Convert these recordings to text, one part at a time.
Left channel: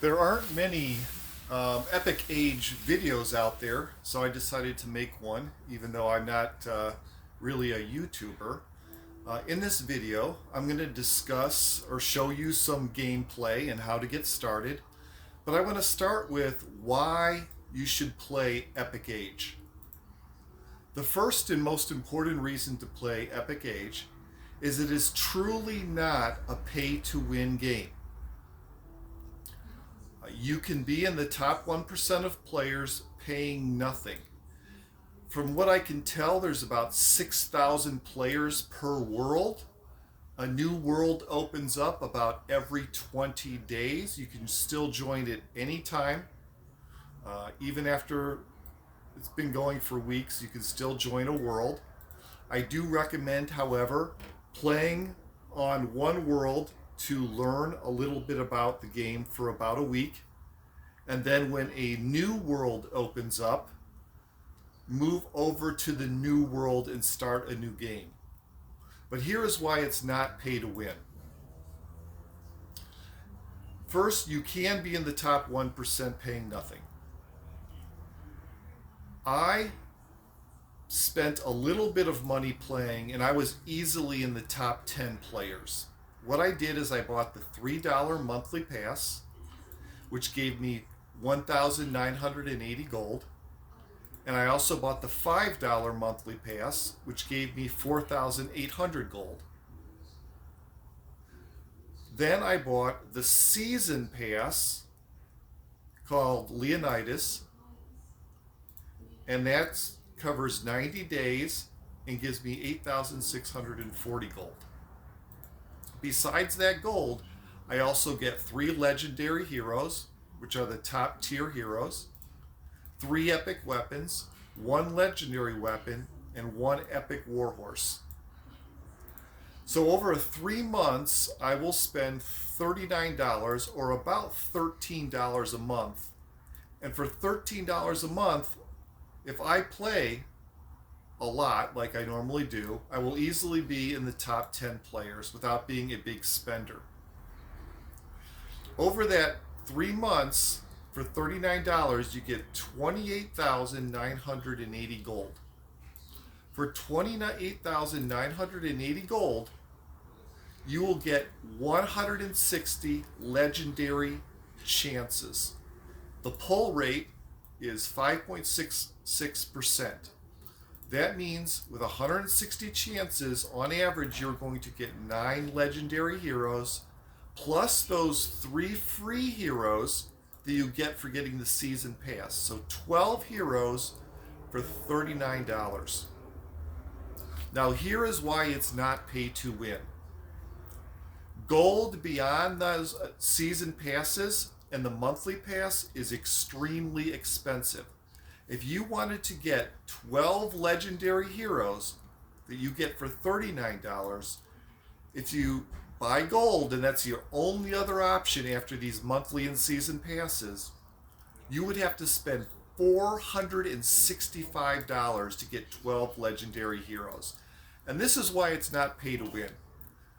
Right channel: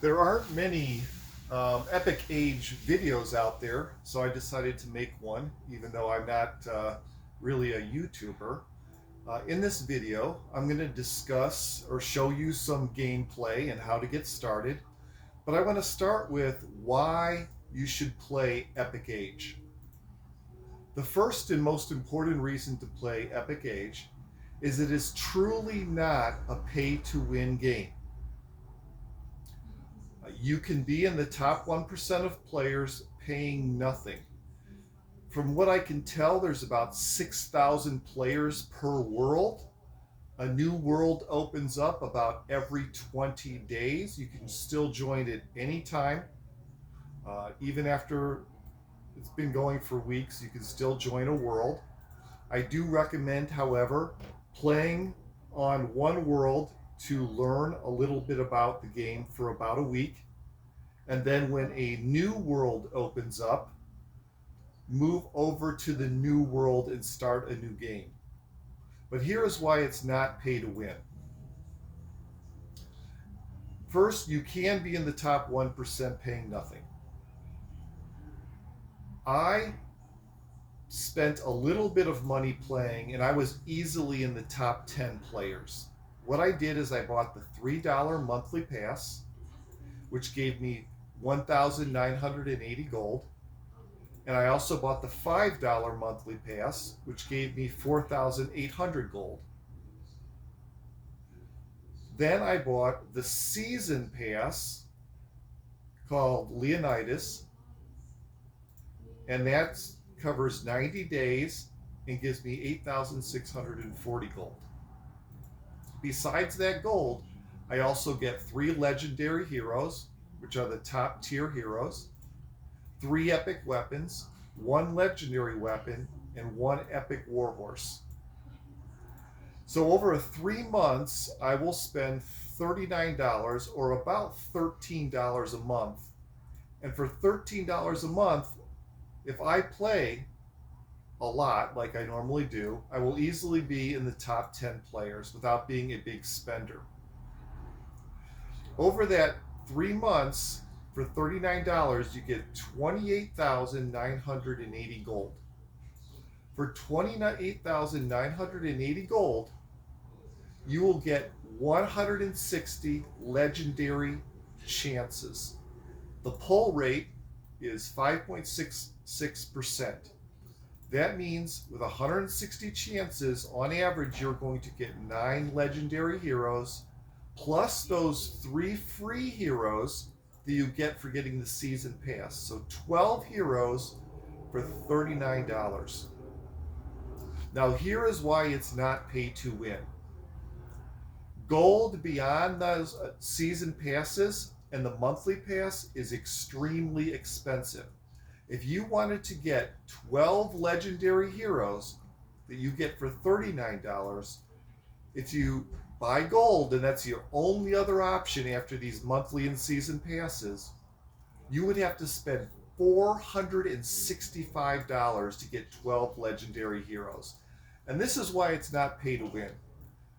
There aren't many Epic Age videos out there, so I decided to make one, even though I'm not really a YouTuber. In this video, I'm going to discuss or show you some gameplay and how to get started. But I want to start with why you should play Epic Age. The first and most important reason to play Epic Age is it is truly not a pay to win game. You can be in the top 1% of players paying nothing. From what I can tell, there's about 6,000 players per world. A new world opens up about every 20 days. You can still join it anytime. Even after it's been going for weeks, you can still join a world. I do recommend, however, playing on one world to learn a little bit about the game for about a week. And then when a new world opens up, move over to the new world and start a new game. But here is why it's not pay to win. First, you can be in the top 1% paying nothing. I spent a little bit of money playing, and I was easily in the top 10 players. What I did is I bought the $3 monthly pass, which gave me 1,980 gold. And I also bought the $5 monthly pass, which gave me 4,800 gold. Then I bought the season pass called Leonidas, and that covers 90 days and gives me 8,640 gold. Besides that gold, I also get 3 legendary heroes, which are the top tier heroes, 3 epic weapons, 1 legendary weapon, and 1 epic warhorse. So over 3 months, I will spend $39 or about $13 a month. And for $13 a month, if I play a lot like I normally do, I will easily be in the top 10 players without being a big spender. Over that 3 months, for $39, you get 28,980 gold. For 28,980 gold, you will get 160 legendary chances. The pull rate is 5.66%. That means with 160 chances, on average, you're going to get 9 legendary heroes, plus those 3 free heroes that you get for getting the season pass. So 12 heroes for $39. Now here is why it's not pay to win. Gold beyond those season passes and the monthly pass is extremely expensive. If you wanted to get 12 legendary heroes that you get for $39, if you buy gold, and that's your only other option after these monthly and season passes, you would have to spend $465 to get 12 legendary heroes. And this is why it's not pay to win.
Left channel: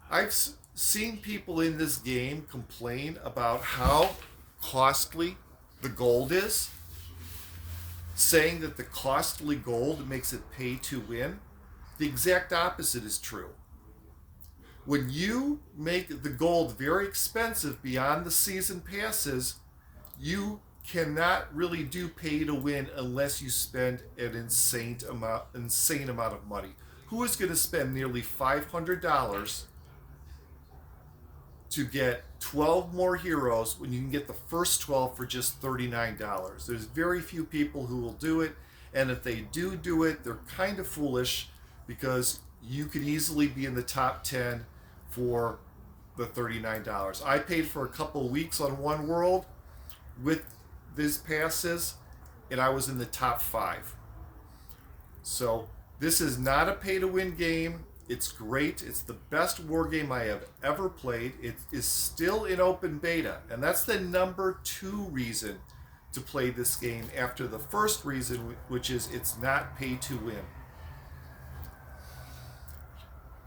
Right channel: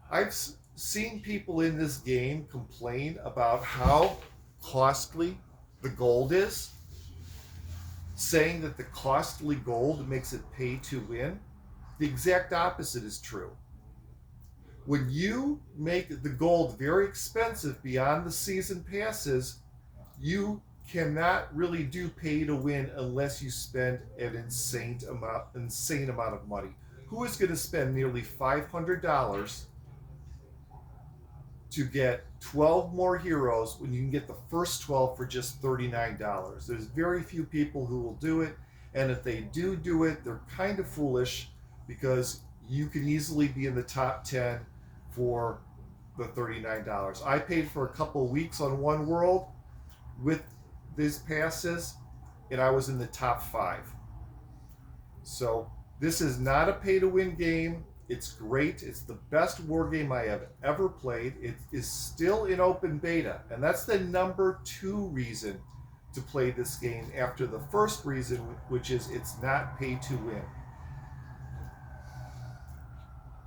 I've seen people in this game complain about how costly the gold is, saying that the costly gold makes it pay to win. The exact opposite is true. When you make the gold very expensive beyond the season passes, you cannot really do pay to win unless you spend an insane amount of money. Who is going to spend nearly $500 to get 12 more heroes when you can get the first 12 for just $39? There's very few people who will do it, and if they do it, they're kind of foolish, because you could easily be in the top 10 for the $39. I paid for a couple weeks on one world with these passes, and I was in the top 5. So this is not a pay to win game. It's great. It's the best war game I have ever played. It is still in open beta, and that's the number 2 reason to play this game after the first reason, which is it's not pay to win.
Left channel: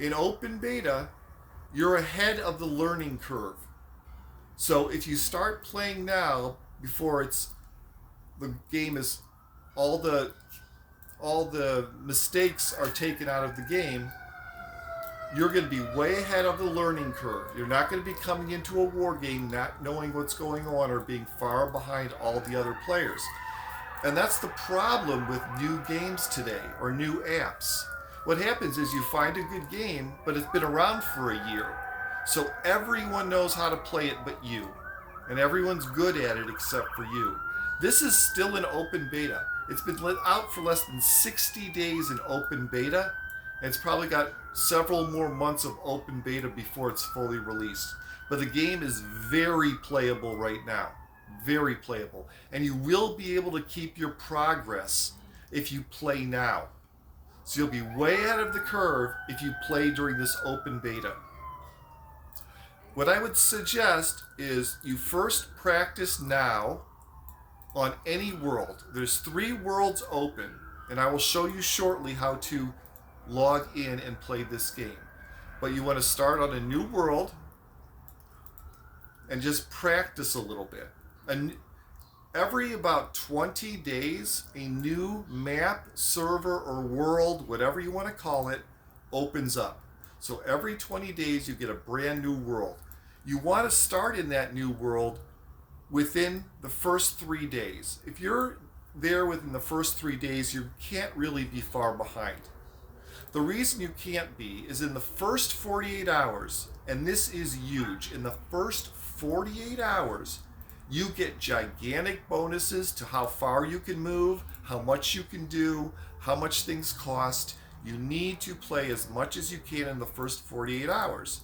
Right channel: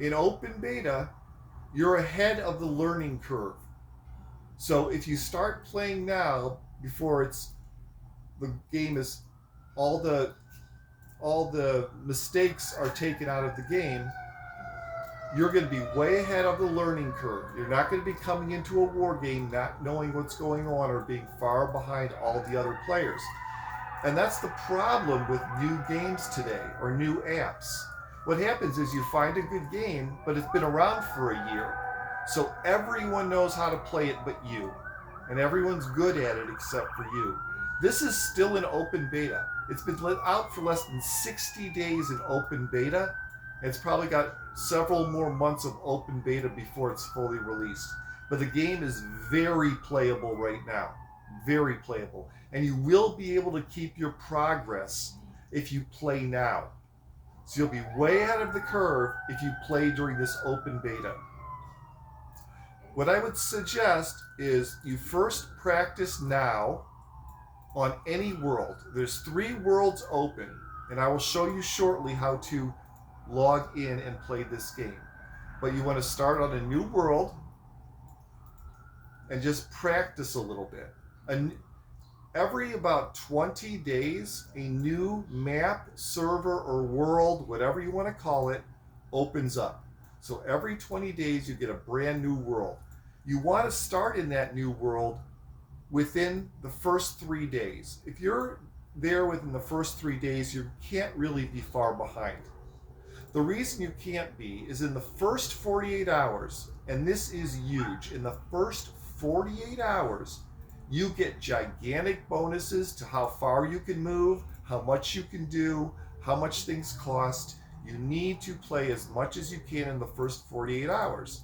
In open beta, you're ahead of the learning curve. So if you start playing now before the game is all the mistakes are taken out of the game, you're going to be way ahead of the learning curve. You're not going to be coming into a war game not knowing what's going on or being far behind all the other players. And that's the problem with new games today or new apps. What happens is you find a good game, but it's been around for a year. So everyone knows how to play it but you. And everyone's good at it except for you. This is still in open beta. It's been let out for less than 60 days in open beta. And it's probably got several more months of open beta before it's fully released. But the game is very playable right now. Very playable. And you will be able to keep your progress if you play now. So you'll be way ahead of the curve if you play during this open beta. What I would suggest is you first practice now on any world. There's 3 worlds open, and I will show you shortly how to log in and play this game. But you want to start on a new world and just practice a little bit. And every about 20 days, a new map, server, or world, whatever you want to call it, opens up. So every 20 days, you get a brand new world. You want to start in that new world within the first 3 days. If you're there within the first 3 days, you can't really be far behind. The reason you can't be is in the first 48 hours, and this is huge, in the first 48 hours, you get gigantic bonuses to how far you can move, how much you can do, how much things cost. You need to play as much as you can in the first 48 hours.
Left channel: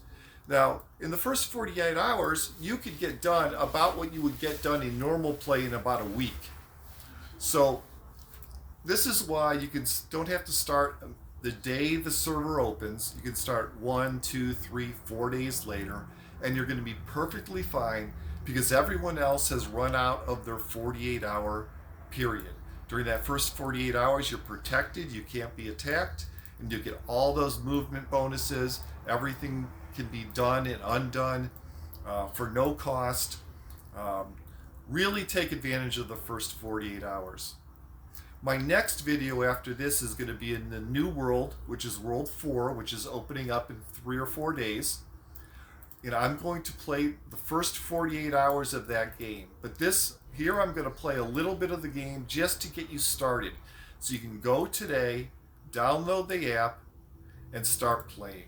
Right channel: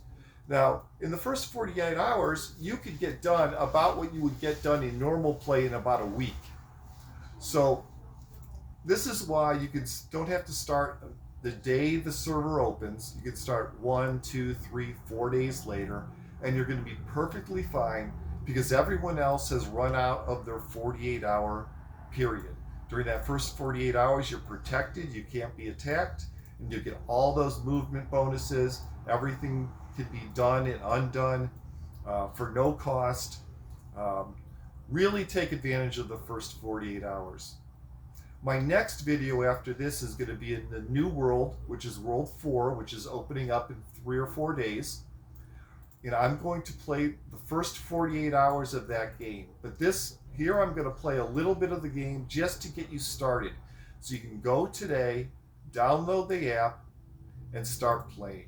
Now, in the first 48 hours, you could get done about what you would get done in normal play in about a week. So this is why you don't have to start the day the server opens. You can start 1, 2, 3, 4 days later, and you're going to be perfectly fine because everyone else has run out of their 48-hour period. During that first 48 hours, you're protected, you can't be attacked, and you get all those movement bonuses. Everything can be done and undone for no cost. Really take advantage of the first 48 hours. My next video after this is going to be in the new world, which is World 4, which is opening up in 3 or 4 days. And I'm going to play the first 48 hours of that game. But here I'm going to play a little bit of the game just to get you started. So you can go today, download the app, and start playing.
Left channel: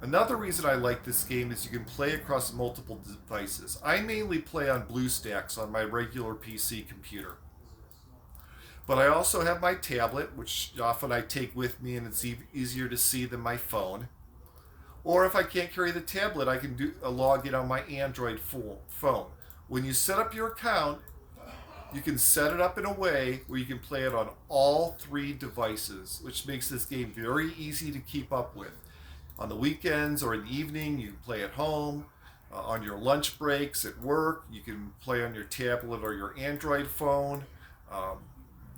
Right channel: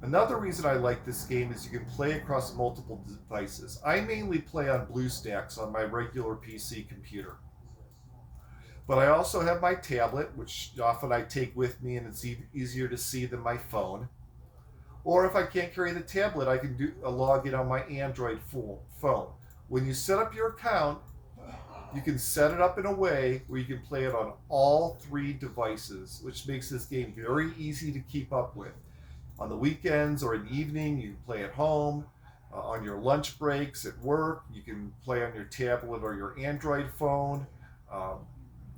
Another reason I like this game is you can play across multiple devices. I mainly play on BlueStacks on my regular PC computer. But I also have my tablet, which often I take with me and it's easier to see than my phone. Or if I can't carry the tablet, I can log in on my Android phone. When you set up your account, you can set it up in a way where you can play it on all 3 devices, which makes this game very easy to keep up with. On the weekends or in the evening, you can play at home. On your lunch breaks at work, you can play on your tablet or your Android phone.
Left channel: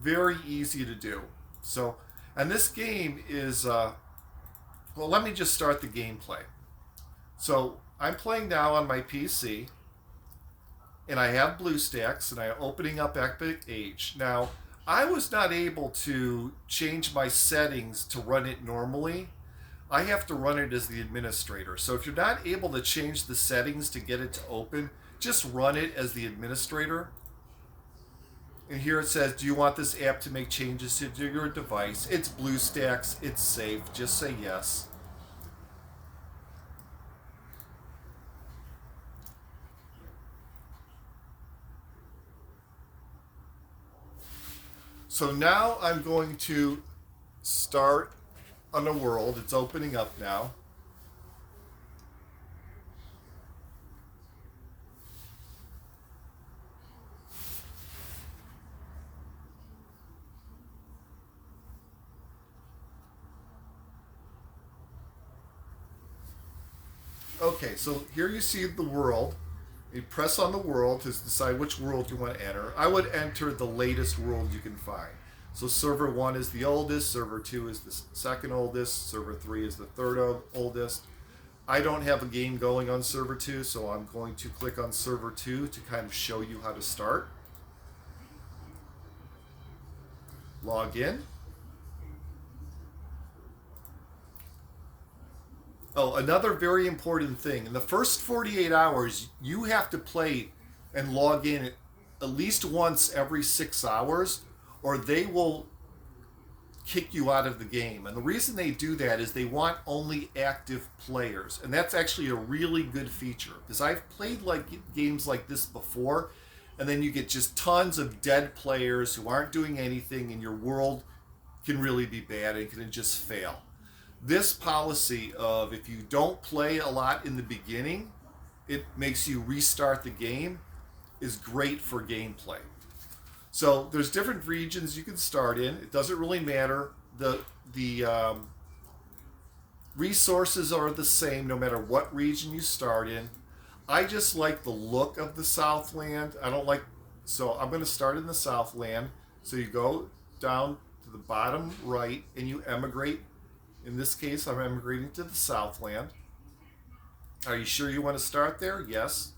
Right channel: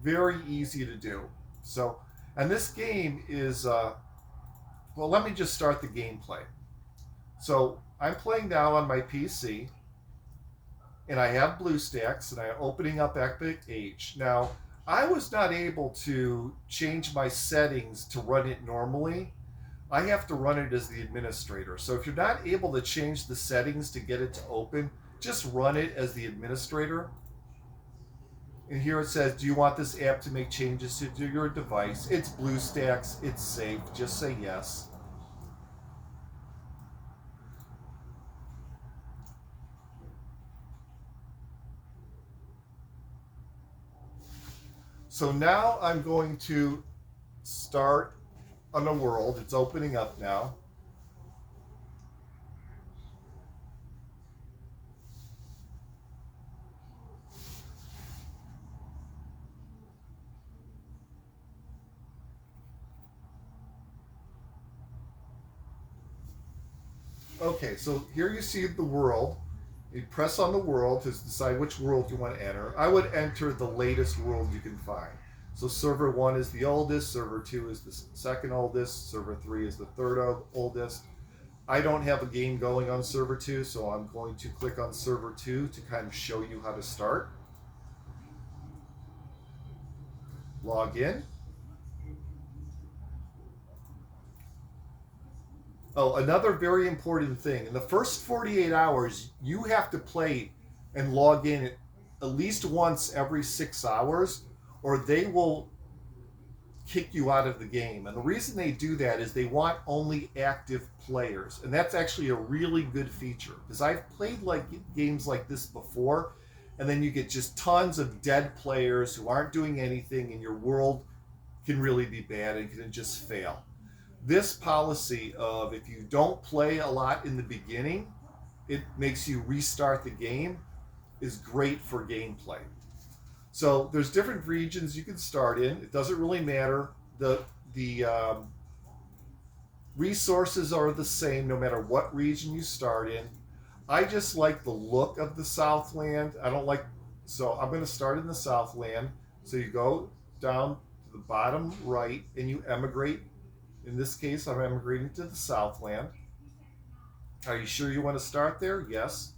Very easy to do. So, and this game is, well, let me just start the gameplay. So I'm playing now on my PC, and I have BlueStacks, and I'm opening up Epic Age. Now, I was not able to change my settings to run it normally. I have to run it as the administrator. So if you're not able to change the settings to get it to open, just run it as the administrator. And here it says, do you want this app to make changes to your device? It's BlueStacks, it's safe, just say yes. So now I'm going to start on a world. It's opening up now. Okay, so here you see the world. You press on the world to decide which world you want to enter. I would enter the latest world you can find. So server 1 is the oldest, server 2 is the second oldest, server 3 is the third oldest. I don't have a game going on server 2, so I'm going to click on server 2 to kind of show you how to start. Log in. Oh, another very important thing. In the first 48 hours, you have to play and log in at least once every 6 hours, or they will kick you out of the game. And the reason they do that is they want only active players. And that's actually a really good feature, because I've played games like this before, and then you get just tons of dead players who aren't doing anything, and your world can really be bad and can just fail. This policy of if you don't play a lot in the beginning, it makes you restart the game, is great for gameplay. So there's different regions you can start in. It doesn't really matter. The resources are the same no matter what region you start in. I just like the look of the Southland. I don't like, so I'm going to start in the Southland. So you go down to the bottom right and you emigrate. In this case, I'm emigrating to the Southland. Are you sure you want to start there? Yes.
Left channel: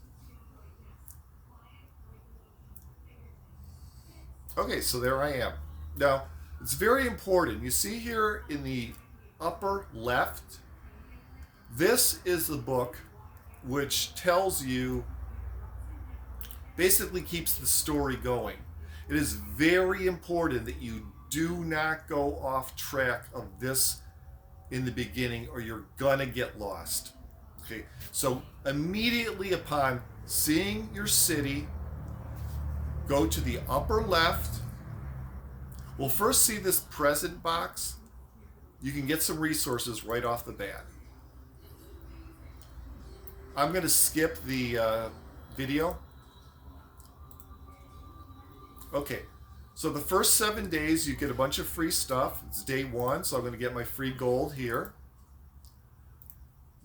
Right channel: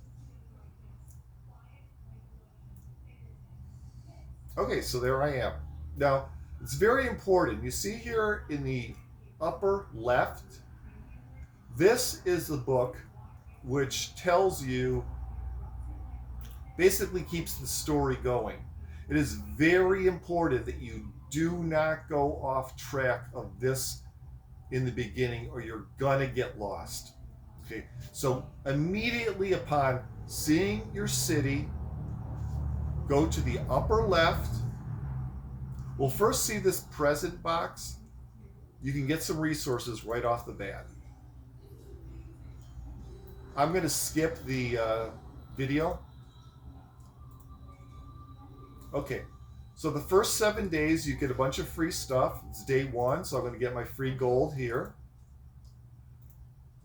Okay, so there I am. Now, it's very important. You see here in the upper left, this is the book which tells you, basically keeps the story going. It is very important that you do not go off track of this in the beginning, or you're gonna get lost. Okay, so immediately upon seeing your city, go to the upper left. We'll first see this present box. You can get some resources right off the bat. I'm going to skip the video. Okay, so the first 7 days you get a bunch of free stuff. It's day 1, so I'm going to get my free gold here.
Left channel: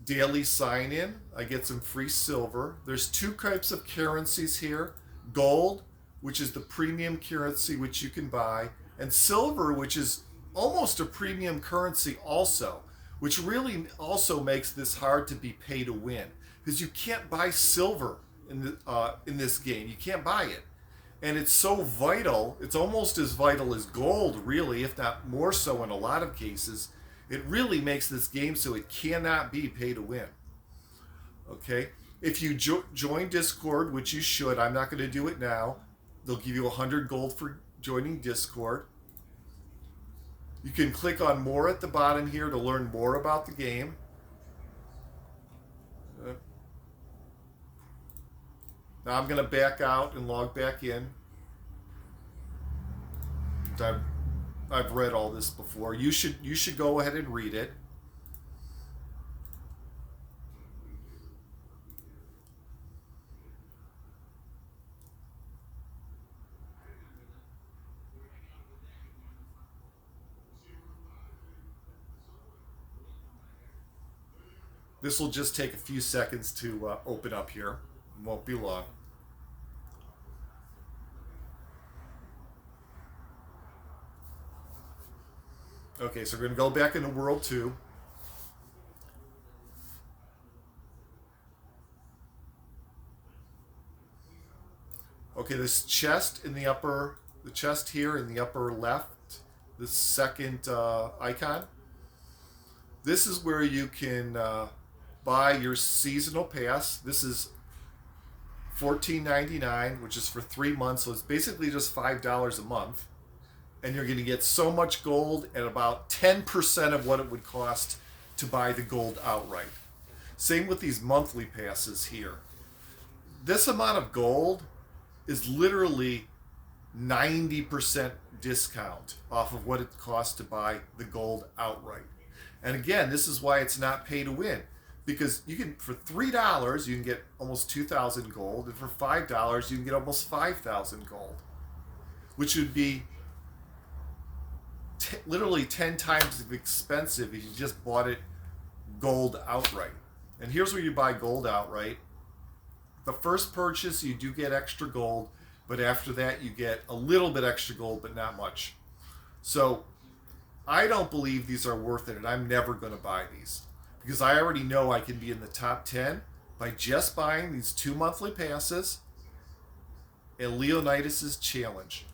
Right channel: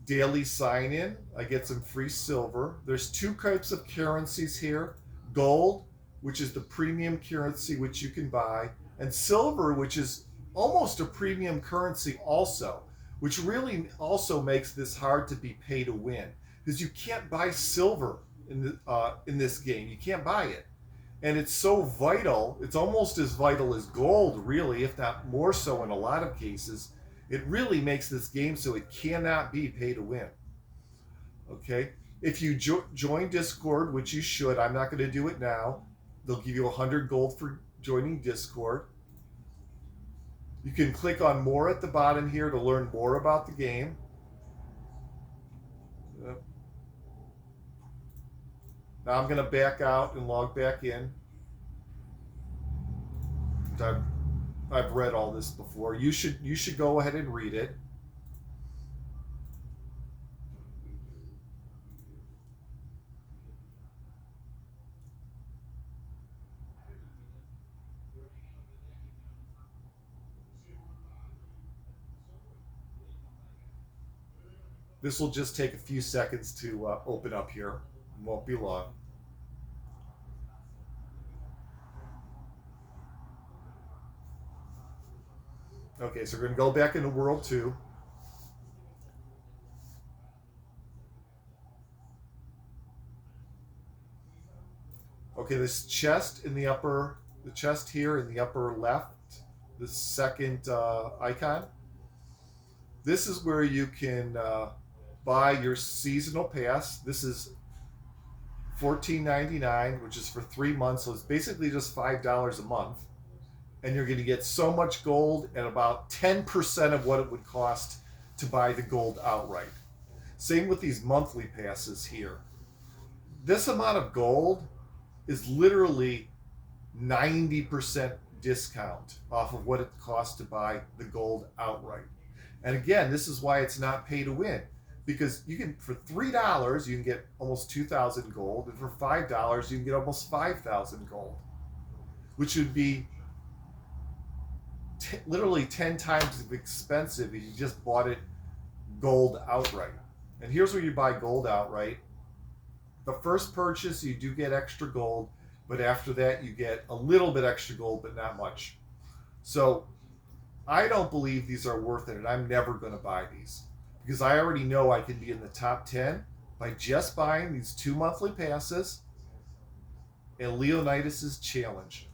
Daily sign in, I get some free silver. There's 2 types of currencies here. Gold, which is the premium currency which you can buy, and silver, which is almost a premium currency also, which really also makes this hard to be pay to win, because you can't buy silver in this game. You can't buy it. And it's so vital, it's almost as vital as gold, really, if not more so in a lot of cases. It really makes this game so it cannot be pay to win. Okay? If you join Discord, which you should, I'm not going to do it now, they'll give you 100 gold for joining Discord. You can click on more at the bottom here to learn more about the game. Now I'm going to back out and log back in. I've read all this before. You should go ahead and read it. This will just take a few seconds to open up here. It won't be long. Okay, so we're going to go back into World 2. Okay, this chest in the upper, the chest here in the upper left, the second icon. This is where you can buy your seasonal pass. This is $14.99, which is for 3 months, so it's basically just $5 a month. And you're going to get so much gold at about 10% of what it would cost to buy the gold outright. Same with these monthly passes here. This amount of gold is literally 90% discount off of what it costs to buy the gold outright. And again, this is why it's not pay to win, because you can, for $3 you can get almost 2,000 gold, and for $5 you can get almost 5,000 gold, which would be literally 10 times as expensive if you just bought it gold outright. And here's where you buy gold outright. The first purchase you do get extra gold, but after that you get a little bit extra gold, but not much. So I don't believe these are worth it, and I'm never going to buy these. because I already know I can be in the top 10 by just buying these 2 monthly passes and Leonidas' challenge.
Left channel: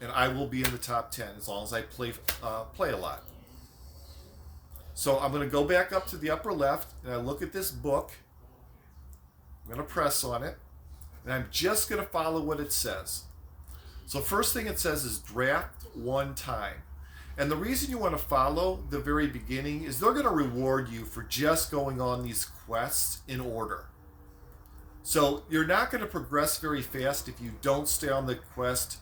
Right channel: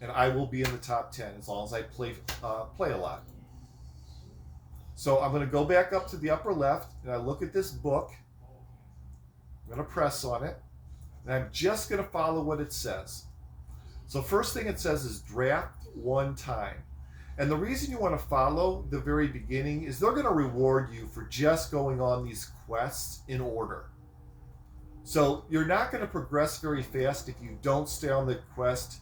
And I will be in the top 10 as long as I play a lot. So I'm going to go back up to the upper left and I look at this book. I'm going to press on it and I'm just going to follow what it says. So first thing it says is draft 1 time. And the reason you want to follow the very beginning is they're going to reward you for just going on these quests in order. So you're not going to progress very fast if you don't stay on the quest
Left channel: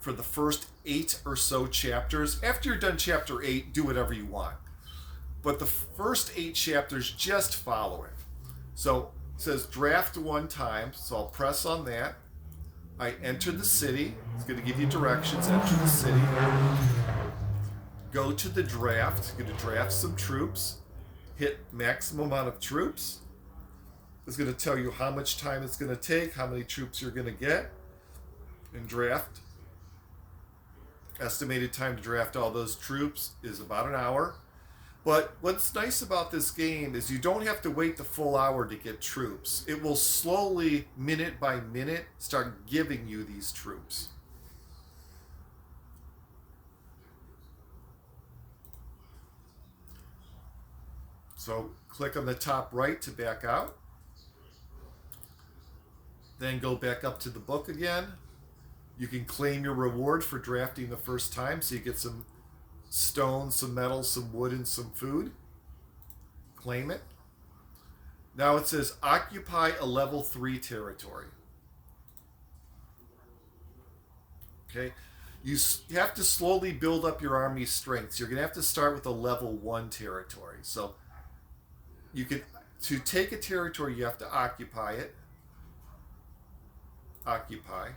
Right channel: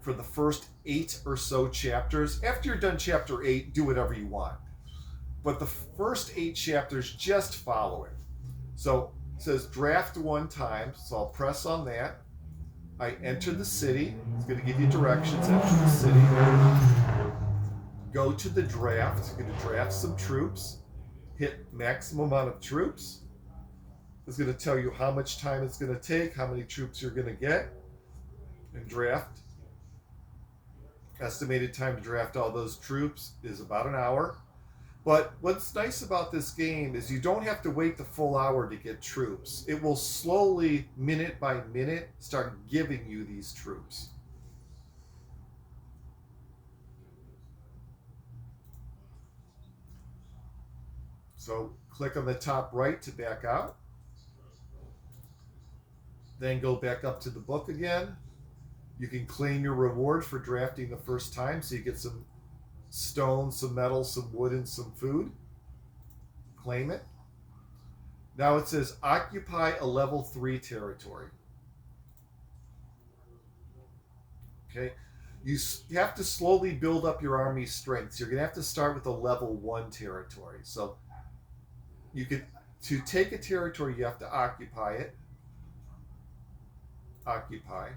for the first 8 or so chapters. After you're done chapter 8, do whatever you want. But the first 8 chapters, just follow it. So it says draft 1 time. So I'll press on that. I enter the city. It's going to give you directions. Enter the city. Go to the draft. Going to draft some troops. Hit maximum amount of troops. It's going to tell you how much time it's going to take, how many troops you're going to get, and draft. Estimated time to draft all those troops is about an hour. But what's nice about this game is you don't have to wait the full hour to get troops. It will slowly, minute by minute, start giving you these troops. So click on the top right to back out. Then go back up to the book again. You can claim your reward for drafting the first time, so you get some stone, some metal, some wood, and some food. Claim it. Now it says occupy a level 3 territory. Okay, you have to slowly build up your army strength. So you're going to have to start with a level 1 territory. So you can, to take a territory, you have to occupy it. Occupy.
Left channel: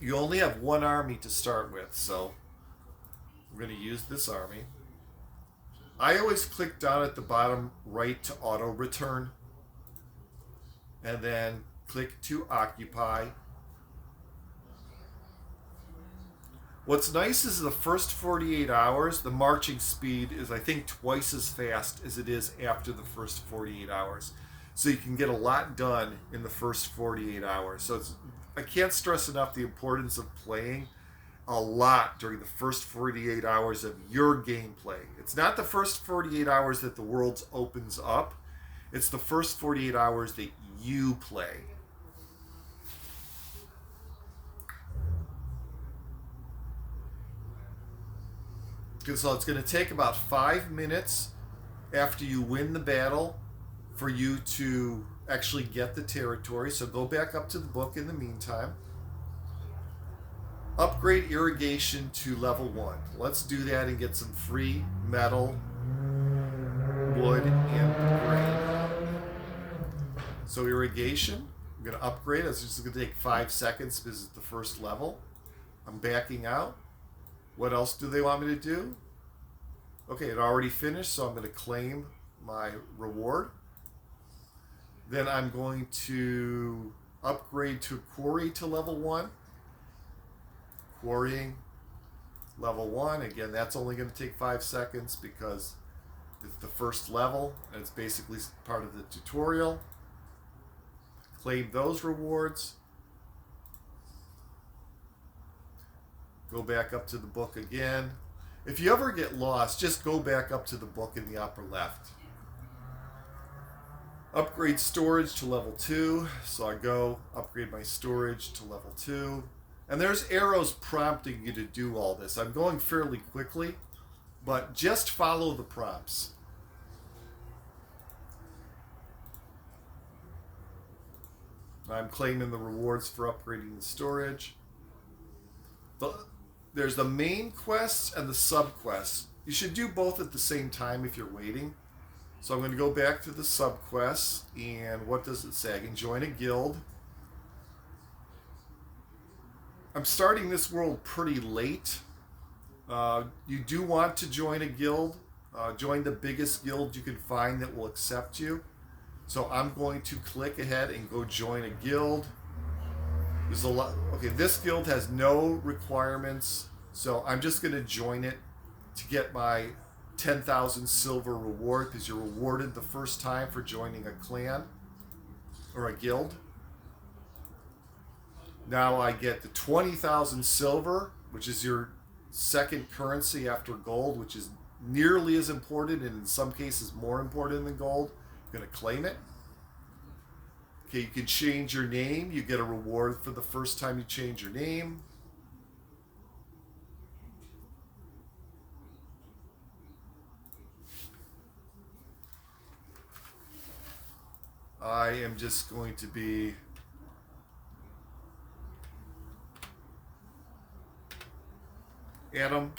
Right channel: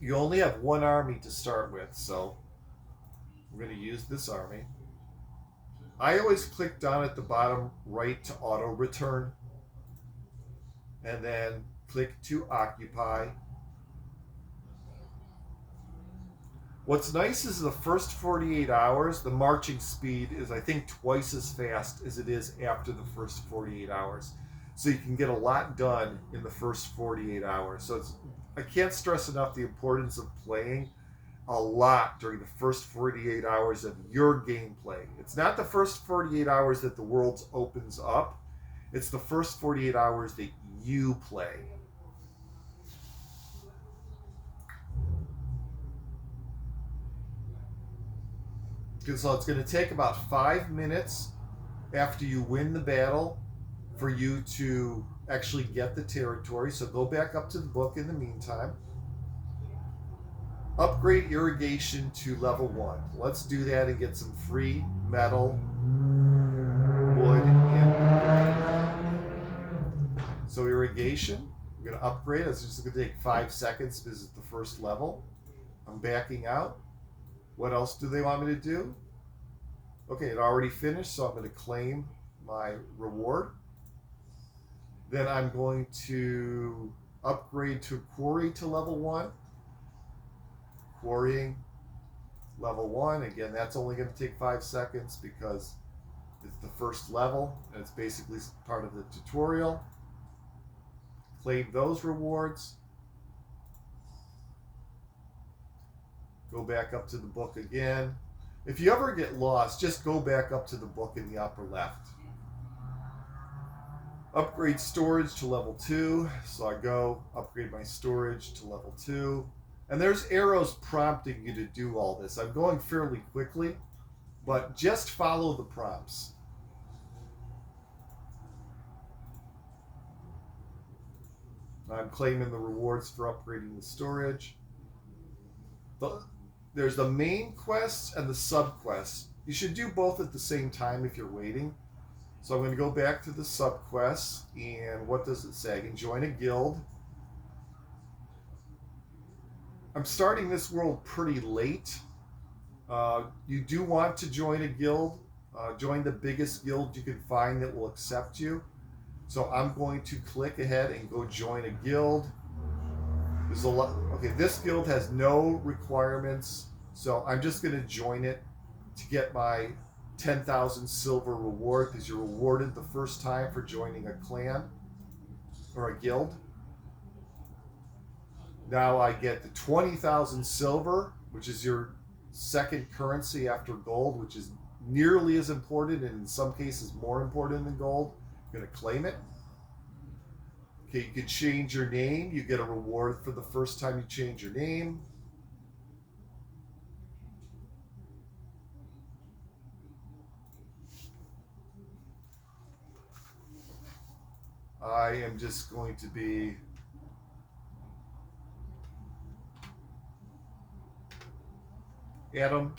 You only have 1 army to start with, so we're going to use this army. I always click down at the bottom right to auto return, and then click to occupy. What's nice is the first 48 hours, the marching speed is, I think, twice as fast as it is after the first 48 hours. So you can get a lot done in the first 48 hours. So I can't stress enough the importance of playing a lot during the first 48 hours of your gameplay. It's not the first 48 hours that the world opens up. It's the first 48 hours that you play. So it's going to take about 5 minutes after you win the battle for you to actually get the territory. So go back up to the book in the meantime. Upgrade irrigation to level 1. Let's do that and get some free metal, wood, and grain. So irrigation, I'm going to upgrade. It's just going to take 5 seconds because it's the first level. I'm backing out. What else do they want me to do? Okay, it already finished, so I'm going to claim my reward. Then I'm going to upgrade to quarry to level 1. Quarrying, level 1. Again, that's only going to take 5 seconds because it's the first level and it's basically part of the tutorial. Claim those rewards. Go back up to the book again. If you ever get lost, just go back up to the book in the upper left. Upgrade storage to level 2. So I go upgrade my storage to level 2. And there's arrows prompting you to do all this. I'm going fairly quickly, but just follow the prompts. I'm claiming the rewards for upgrading the storage. There's the main quests and the sub-quests. You should do both at the same time if you're waiting. So I'm going to go back to the sub-quests, and what does it say? I can join a guild. I'm starting this world pretty late. You do want to join a guild. Join the biggest guild you can find that will accept you. So I'm going to click ahead and go join a guild. There's a lot. Okay, this guild has no requirements, so I'm just going to join it to get my 10,000 silver reward because you're rewarded the first time for joining a clan or a guild. Now I get the 20,000 silver, which is your second currency after gold, which is nearly as important and in some cases more important than gold. I'm going to claim it. Okay, you can change your name. You get a reward for the first time you change your name. I am just going to be Adam.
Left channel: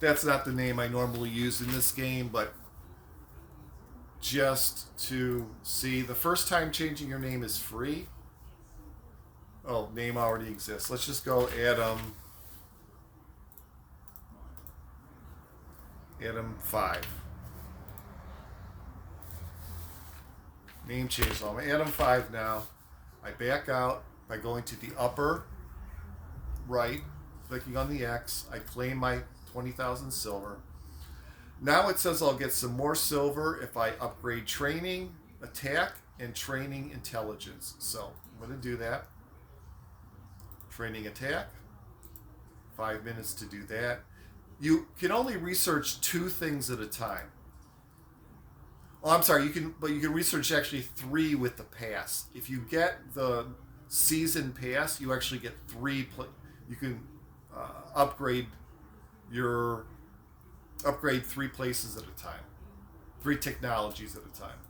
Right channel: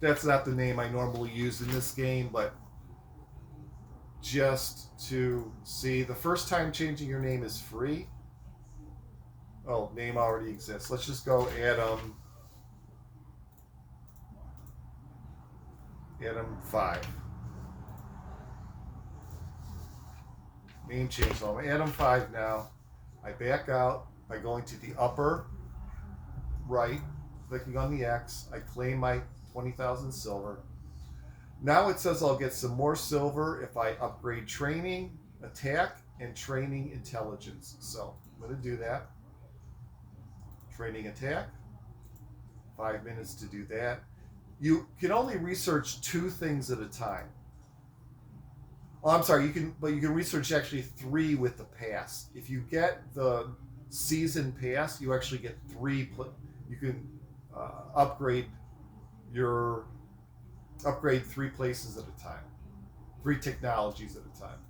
That's not the name I normally use in this game, but just to see, the first time changing your name is free. Oh, name already exists. Let's just go Adam 5. Name change. So I'm Adam 5 now. I back out by going to the upper right, clicking on the X. I claim my 20,000 silver. Now it says I'll get some more silver if I upgrade training, attack, and training intelligence. So I'm going to do that. Training attack. 5 minutes to do that. You can only research 2 things at a time. Oh, I'm sorry. You can research actually 3 with the pass. If you get the season pass, you actually get 3. You can upgrade 3 places at a time, 3 technologies at a time.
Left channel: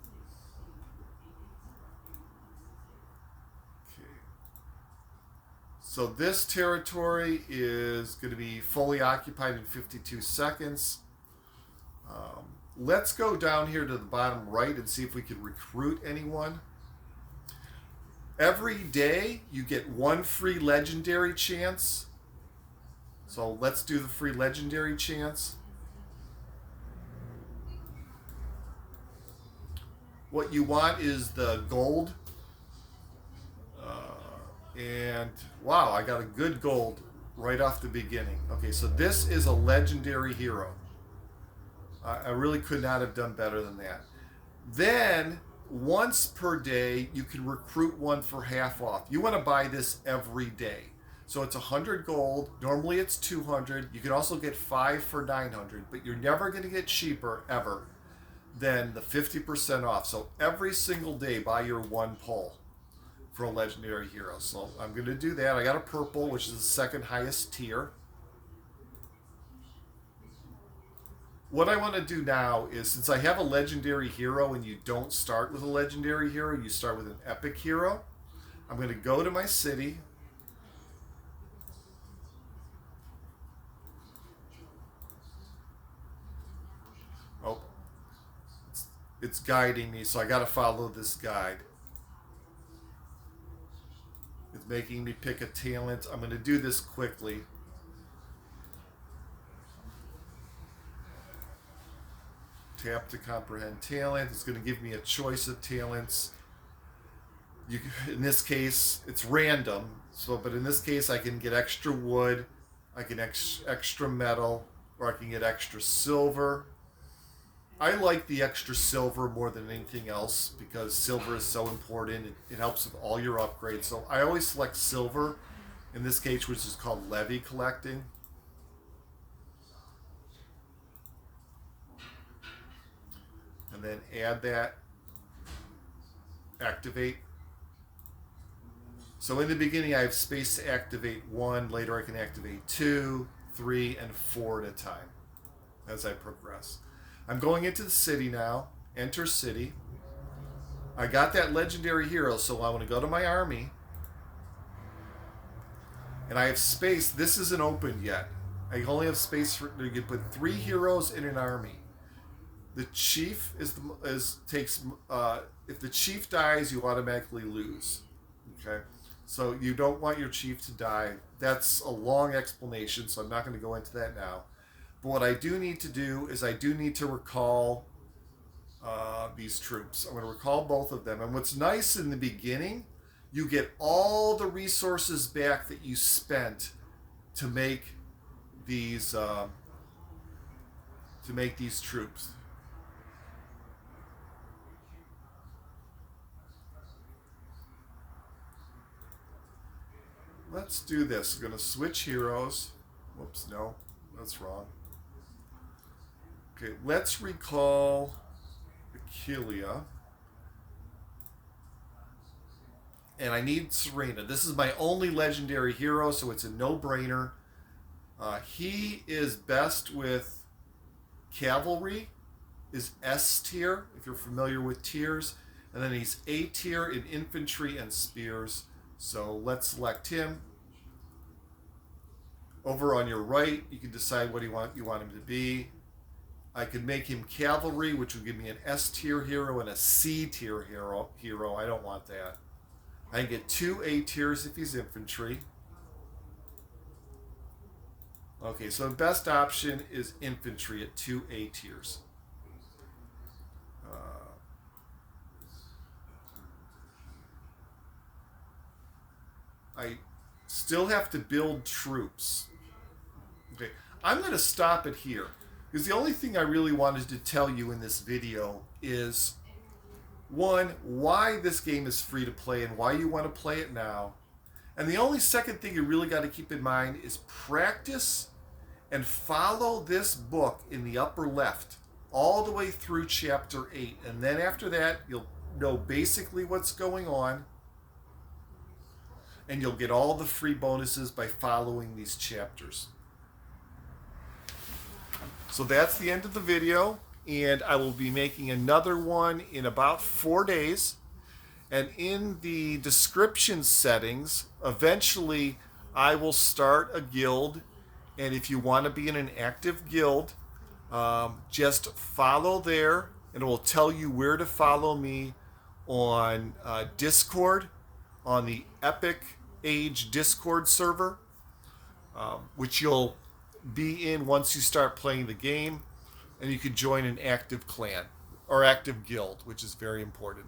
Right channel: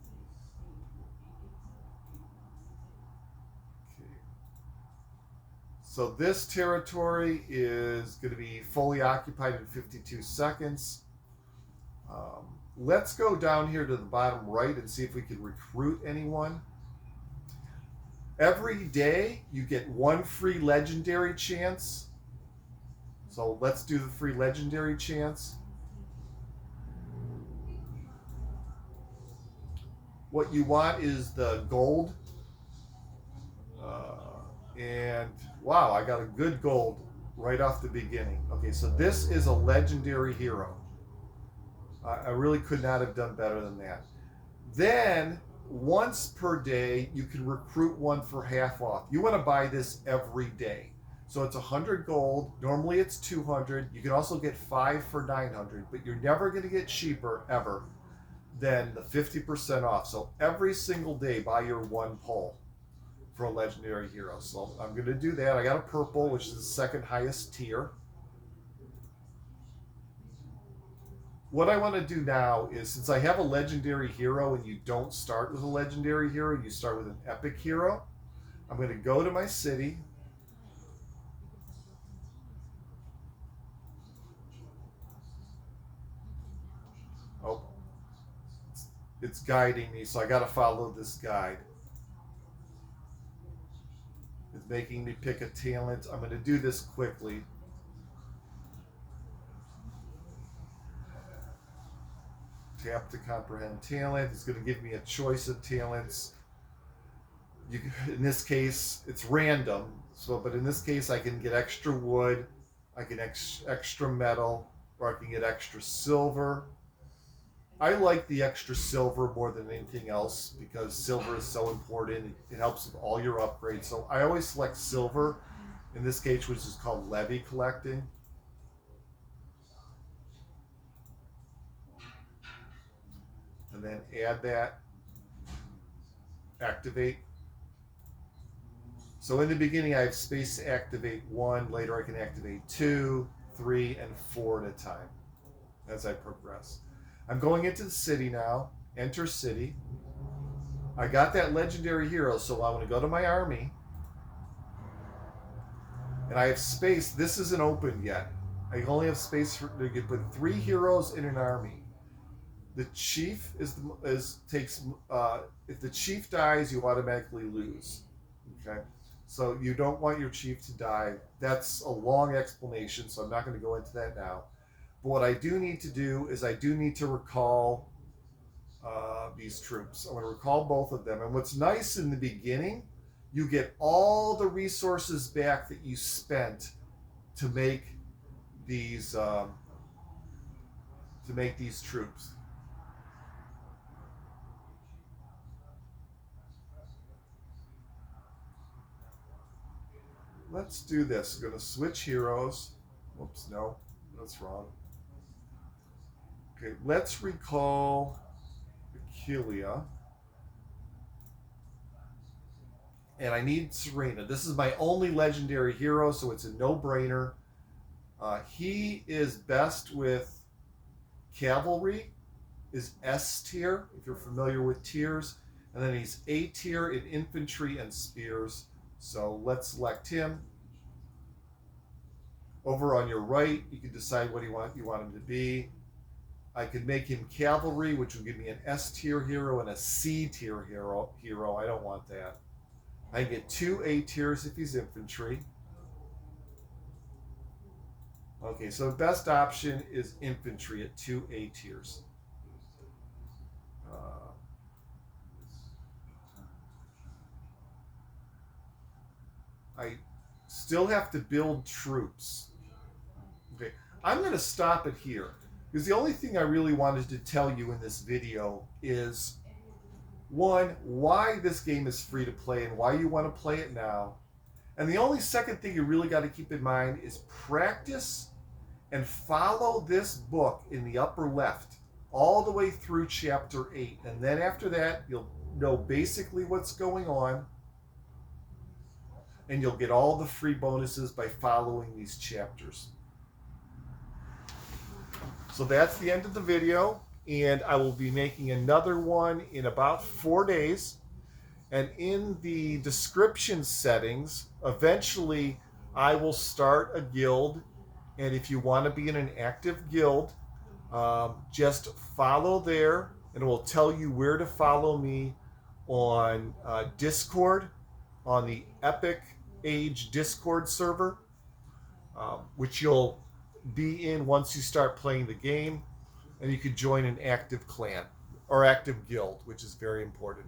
Okay. So this territory is going to be fully occupied in 52 seconds. Let's go down here to the bottom right and see if we can recruit anyone. Every day you get 1 free legendary chance. So let's do the free legendary chance. What you want is the gold. And wow, I got a good gold right off the beginning. Okay, so this is a legendary hero. I really could not have done better than that. Then, once per day, you can recruit one for half off. You want to buy this every day. So it's 100 gold. Normally it's 200. You can also get 5 for 900, but you're never going to get cheaper ever than the 50% off. So every single day, buy your 1 pull for a legendary hero. So I'm going to do that. I got a purple, which is the second highest tier. What I want to do now is, since I have a legendary hero and you don't start with a legendary hero, you start with an epic hero, I'm going to go to my city. Oh, it's guiding me, so I got to follow this guide. It's making me pick a talent. I'm going to do this quickly. Tap to comprehend talent. It's going to give me a choice of talents. In this case, it's random. But in this case, I can get extra wood, I can extra metal, or I can get extra silver. I like the extra silver more than anything else because silver is so important. It helps with all your upgrades. So I always select silver. In this case, which is called levy collecting. And then add that, activate. So in the beginning I have space to activate 1, later I can activate 2, 3, and 4 at a time as I progress. I'm going into the city now, enter city. I got that legendary hero, so I want to go to my army. And I have space, this isn't open yet. I only have space to put 3 heroes in an army. The chief if the chief dies, you automatically lose. Okay, so you don't want your chief to die. That's a long explanation, so I'm not going to go into that now. But what I do need to do is I do need to recall these troops. I'm going to recall both of them. And what's nice in the beginning you get all the resources back that you spent to make these troops. Let's do this. I'm going to switch heroes. Oops, no, that's wrong. Okay, let's recall Achilea. And I need Serena. This is my only legendary hero, so it's a no-brainer. He is best with cavalry, is S tier, if you're familiar with tiers. And then he's A tier in infantry and spears. So let's select him. Over on your right, you can decide what you want him to be. I could make him cavalry, which will give me an S tier hero and a C tier hero. I don't want that. I get 2 A tiers if he's infantry. Okay, so the best option is infantry at 2 A tiers. I still have to build troops. Okay, I'm going to stop it here because the only thing I really wanted to tell you in this video is, one, why this game is free to play and why you want to play it now. And the only second thing you really got to keep in mind is practice and follow this book in the upper left all the way through chapter 8. And then after that, you'll know basically what's going on. And you'll get all the free bonuses by following these chapters. So that's the end of the video. And I will be making another one in about 4 days. And in the description settings, eventually I will start a guild. And if you want to be in an active guild, just follow there. And it will tell you where to follow me on Discord, on the Epic Age Discord server, which you'll be in once you start playing the game. And you can join an active clan or active guild, which is very important.